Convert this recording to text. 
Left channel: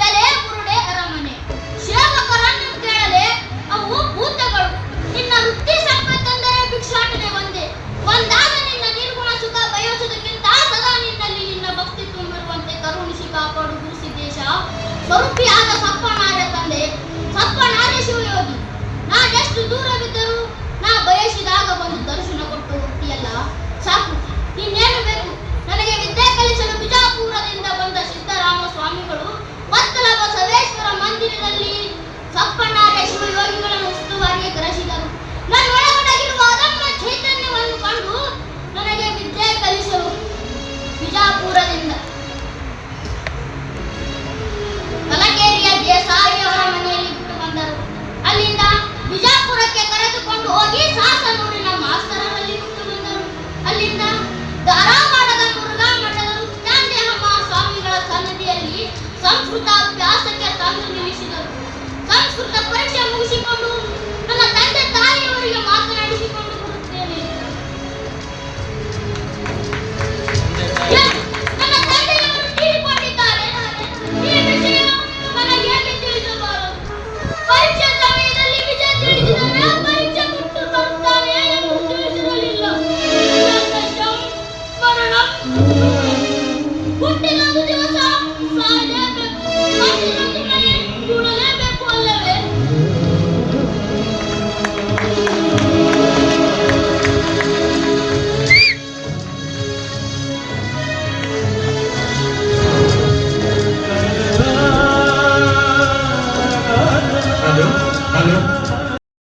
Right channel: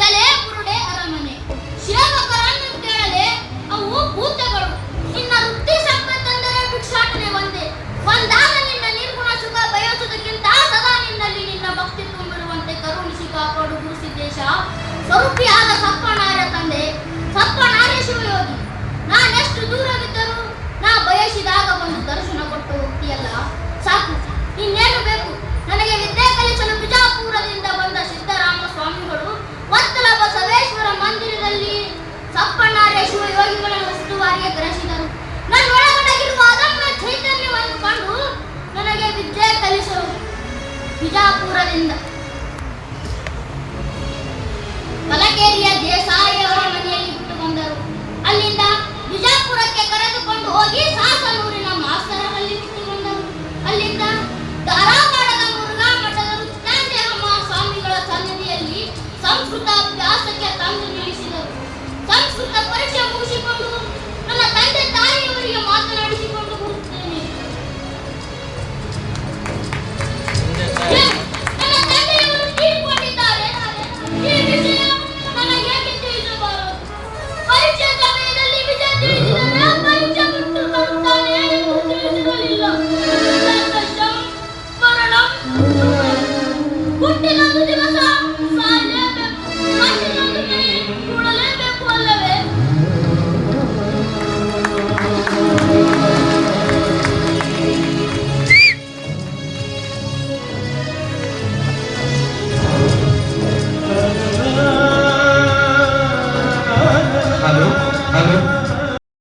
ತಲೆ ಕುರುಡೆ ಅರಮನೆ. ಸೇವಕರನ್ನು ಕೇಳಲೆ ಅವು ಭೂತಗಳು. ನಿನ್ನ ವೃತ್ತಿ ಸಂಪತ್ತಂದರೆ ಭಿಕ್ಷಾಟನೆ ಒಂದೇ. ಒಂದಾದ ನಿನ್ನ ನಿರ್ಗುಣ ಸುಖ ಬಯಸುವುದಕ್ಕಿಂತ ಸದಾ ನಿನ್ನಲ್ಲಿ ನಿನ್ನ ಭಕ್ತಿ ತುಂಬಿರುವಂತೆ ಕರುಣಿಸಿ ಕಾಪಾಡು ಗುರುಸಿದ್ದೇಶ. ಸ್ವರೂಪಿಯಾದ ಬಿಜಾಪುರದಿಂದ. ಕಲಕೇರಿಯ ದೇಸಾಯಿ ಮನೆಯಲ್ಲಿ ಬಿಟ್ಟು ಬಂದರು. ಅಲ್ಲಿಂದ ಬಿಜಾಪುರಕ್ಕೆ ಕರೆದುಕೊಂಡು ಹೋಗಿ ಸಾಸನೂರಿನ ಮಾಸ್ತರನಲ್ಲಿ ಬಿಟ್ಟು ಬಂದರು. ಅಲ್ಲಿಂದ ಧಾರವಾಡದ ಮುರುಘಾ ಮಠದ ಸ್ವಾಮಿಗಳ ಸನ್ನಿಧಿಯಲ್ಲಿ ಸಂಸ್ಕೃತ ಕೊಟ್ಟಿಲ್ಲ